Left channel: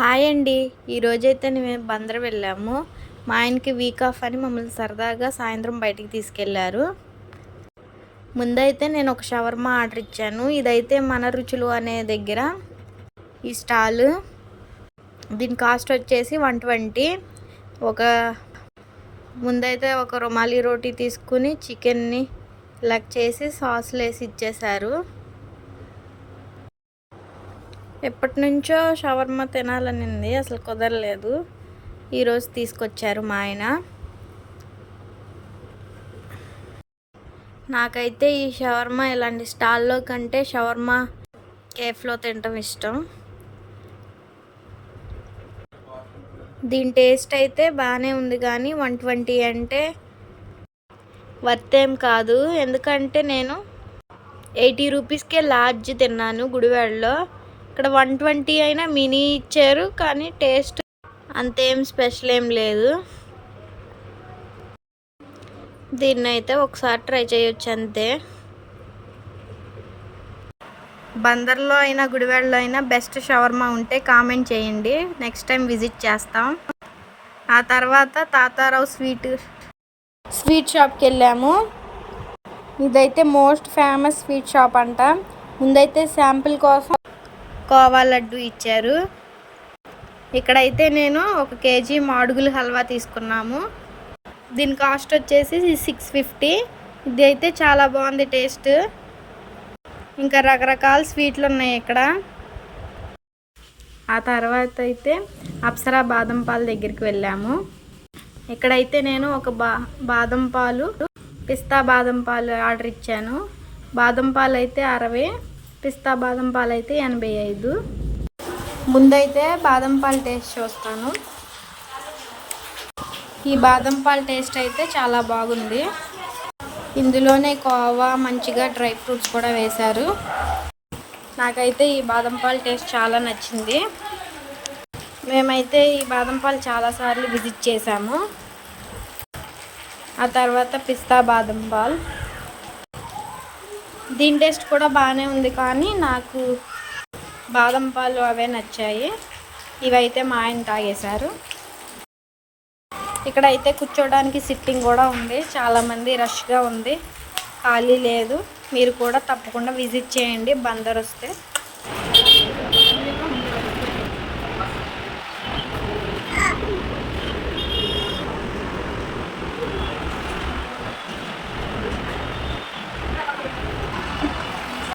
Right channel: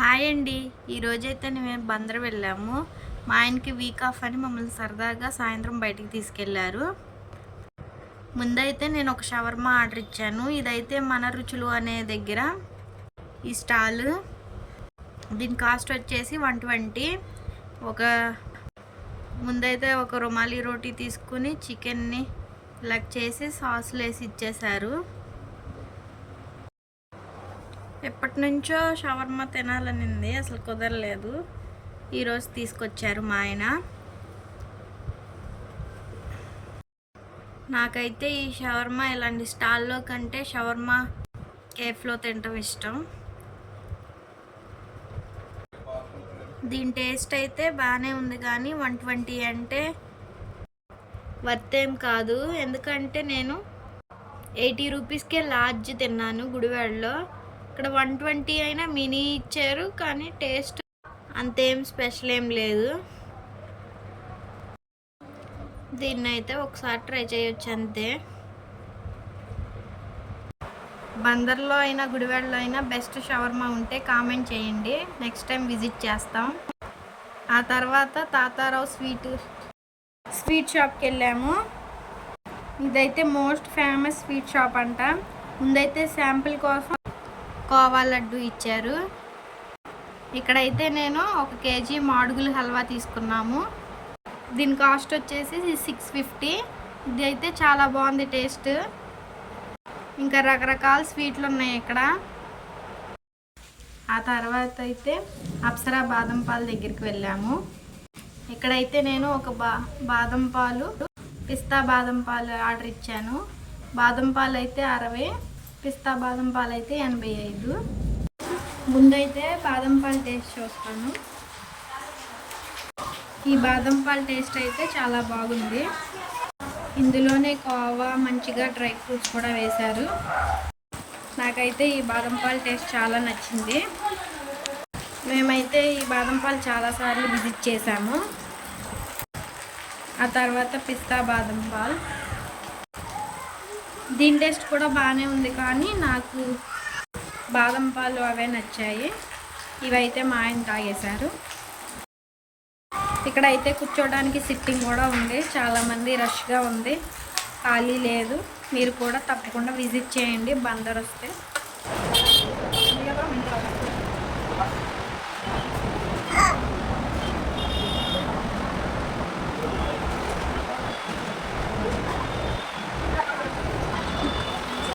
Hi అండి. ఈరోజైతే మేము బందర్ వెళ్ళాము. మా ఆయనకి వీక్ ఆఫ్ అని మమ్మల్ని సరదాగా సాయంత్రం బయటికి తీసుకెళ్లారు. ముందైతే నేను ఒక షవర్మా ఆర్డర్ ఇచ్చాను. ఇదైతే మన రుచులు అనే దగ్గర ఈ స్టాల్. దీని కాస్ట్ వచ్చేసి 120. ముందైతే ఒక రుమాలి రోటీ తీసుకుని చికెన్ని లెగ్ చేసి సాస్లు వేసి ఇచ్చేశారు. ఎప్పటి నుంచో షవర్మా తినాలనింది, అసలు కుదరలేదు. ఈరోజు తీసుకొచ్చారు మా ఆయన. నాకైతే ఈ షవర్మా ఇలాంటి స్టాల్లో కంటే షవర్మా కేఫ్లో తినటం ఇష్టం. దీని టేస్ట్ అయితే బాగానే ఉంది, కానీ 120 అంటే వర్త్ ఏం కాదు. ఎందుకంటే నేను 80 రూపీస్కే లార్జ్ తిన్నాను గుడివాడలో. ఇక్కడ 120 అయినా మినీ ఇచ్చారు, కానీ టేస్ట్ అంతేం స్పెషల్ ఏం లేదు. దీన్ని అయితే ఒకసారి ట్రై చేయొచ్చు అంతే. బందర్లో అయినా గుడివాడలో అయినా బెస్ట్ షవర్మా ఉంటే కామెంట్ చేయండి, నెక్స్ట్ టైం విజిట్ చేస్తాం. ఆ తర్వాత తాతారావు స్వీట్ షాప్కి వెళ్ళాము. ఇదైతే మోస్ట్ ఫేమస్ స్వీట్ షాప్ అంట. ముందైతే శాంపిల్ కోసం కోవా లడ్డు ఇచ్చారు. ఇక్కడైతే నేను 1 కేజీ మాడుగులు హల్వా తీసుకున్నాము. దీని కాస్ట్ వచ్చేసి 650. ఇది అయితే చాలా బాగుంది టేస్ట్. ఇంకా రకరకాల స్వీట్లు ఉన్నాయి ఇక్కడ. ఆ తర్వాత అయితే అప్సరా బాదం పాలు దగ్గరికి వెళ్ళాము. ఇక్కడైతే నేను ఒక బాదం పాలు, పిస్తా బాదం పాలు ఆర్డర్ ఇచ్చాను. బాదం పాలు అయితే 60, పిస్తా బాదం పాలు అయితే 85. ముందైతే బాదం పాలు టేస్ట్ చూస్తాను. ఈ బాదం పాలు టేస్ట్ అయితే చాలా బాగుంది. ఇందులోనే కోవా, మంచిగా డ్రై ఫ్రూట్స్ కూడా వేశారు. నాకైతే ఈ బాదం పాలు టేస్ట్ చాలా నచ్చింది. మేమైతే ఈ బాదం పాలు చాలాసార్లు విజిట్ చేసాము. ఆ తర్వాత పిస్తా బాదం పాలు, దీని టేస్ట్ కూడా బాగానే ఉంది, కానీ నాకు బాదం పాలు అవే నచ్చాయి. ఇవైతే మా ఆయన తాగేశారు. ఇక్కడైతే కూర్చోడానికి సిట్టింగ్ కూడా ఉంది. చాలామంది రష్గా ఉంది, ఖాళీ లేదు. మీరు కూడా తప్పకుండా విజిట్ చేయండి బందర్ వస్తే.